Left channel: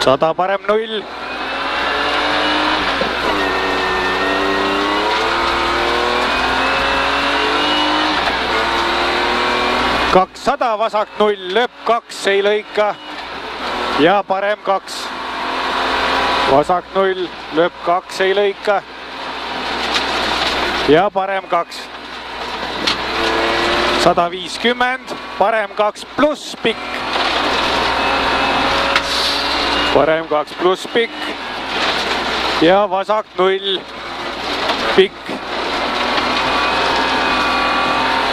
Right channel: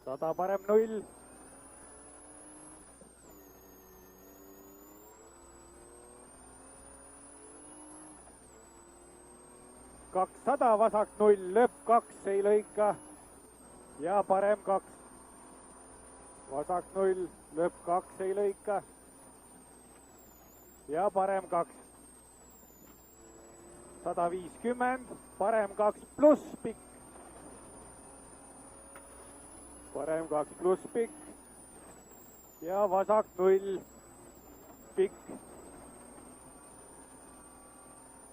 100 parem 0. Kakssada vasak 0, lööb 2, ei lõika ja parem 2. Vasak 0, lööb 2, ei lõika ja parem 2. 150, parem 2 pluss pikk. Parem 2 pluss pikk ja vasak 0, pikk.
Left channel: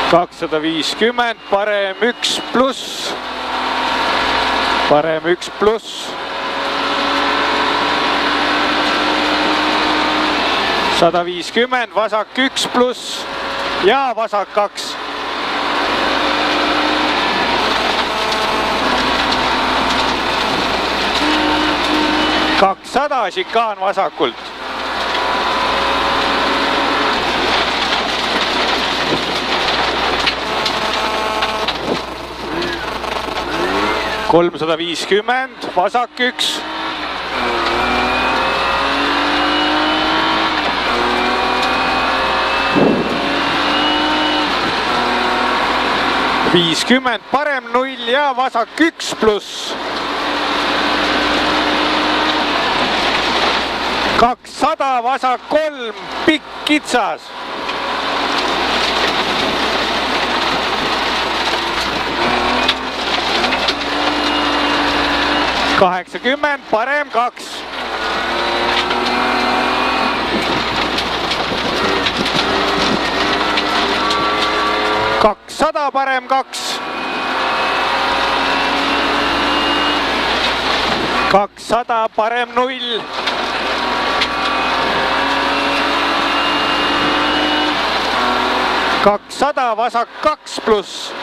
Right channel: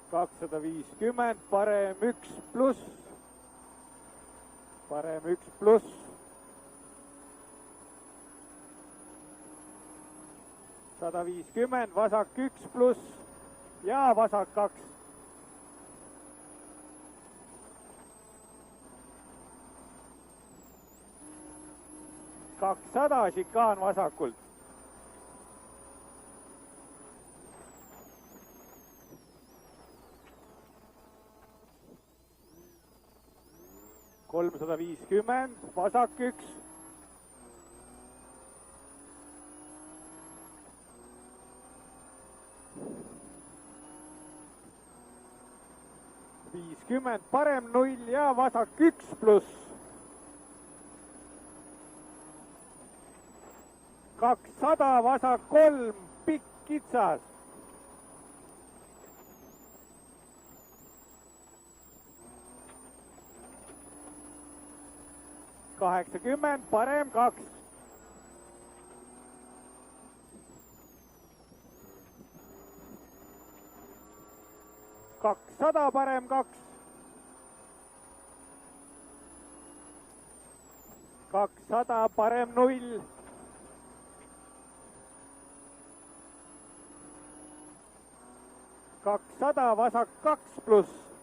250, parem 1 pluss. Parem 1 pluss. 150, vasak 1 pluss ja vasak 2. Kakssada šikaan vasakult. $350, vasak 1. $50, parem 0 ja vasak 1 pluss. 200, vasak 3, pikk kitsas. $80, parem 2. 200, parem 2. 200, parem 0. 200, vasak 2 pluss.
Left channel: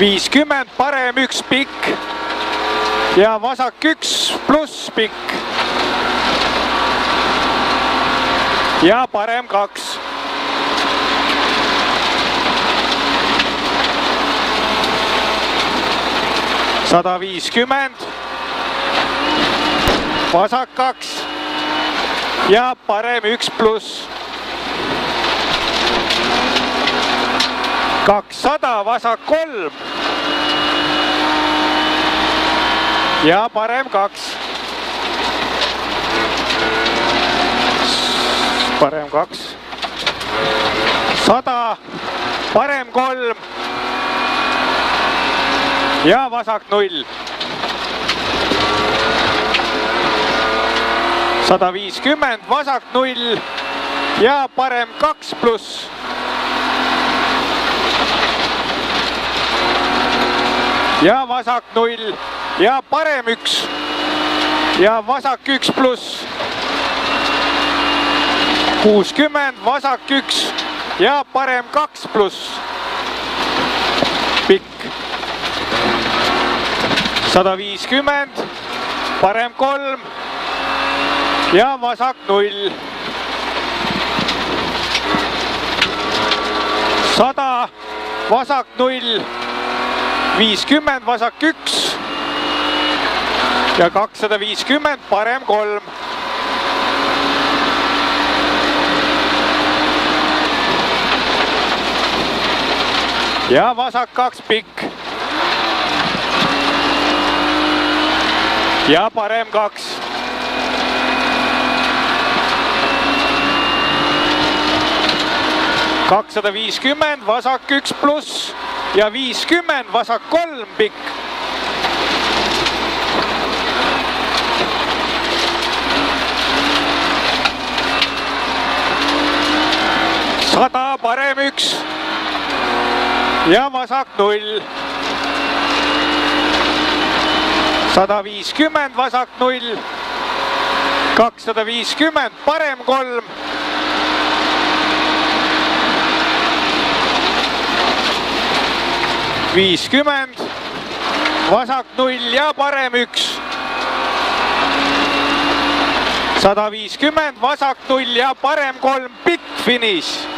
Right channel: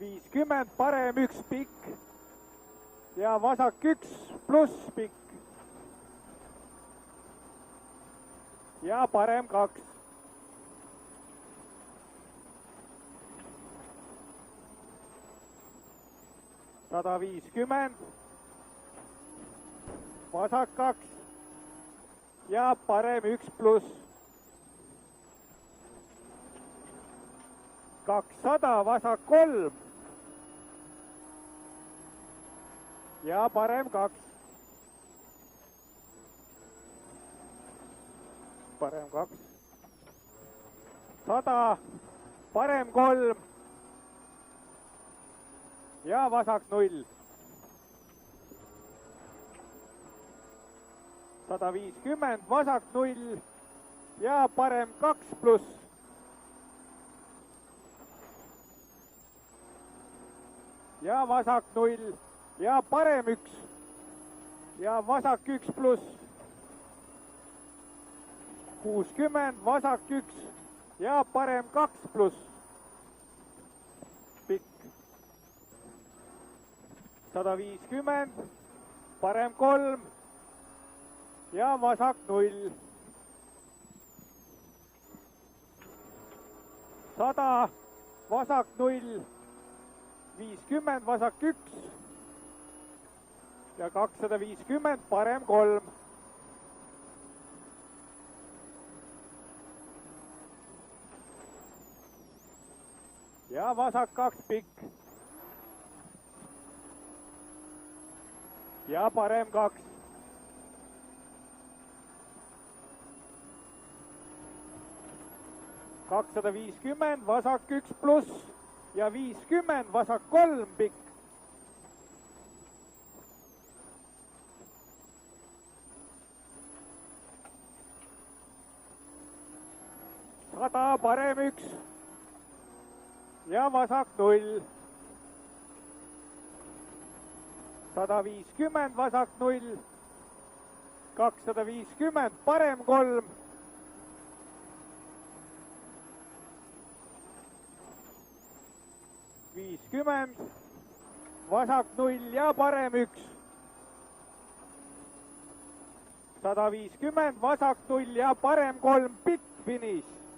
50, parem 1 pikk ja vasak 1 pluss pikk ja parem 2. 150, vasak 2 ja parem 1 pluss. 200, vasak 3 ja parem 2. Parem 2. 100, parem 3 ja vasak 0. 150, vasak 0 ja parem 2 pluss. Ja vasak 0 ja parem 1 ja vasak 1 pluss. 60, vasak 1 ja parem 2 pluss. Pikk. 150, parem 3 ja vasak 0. 100, vasak 0. 50, vasak 1 ja 250, parem 3. Ja vasak 2 pikk. Ja parem 2. 250, vasak 1 pluss ja 50, vasak 3 pikk. 100, parem 1 ja vasak 0. 150, vasak 0. 250, parem 3. 50, vasak 0 ja parem 1. 150, vasak 0 ja parem 3, pikk finiš.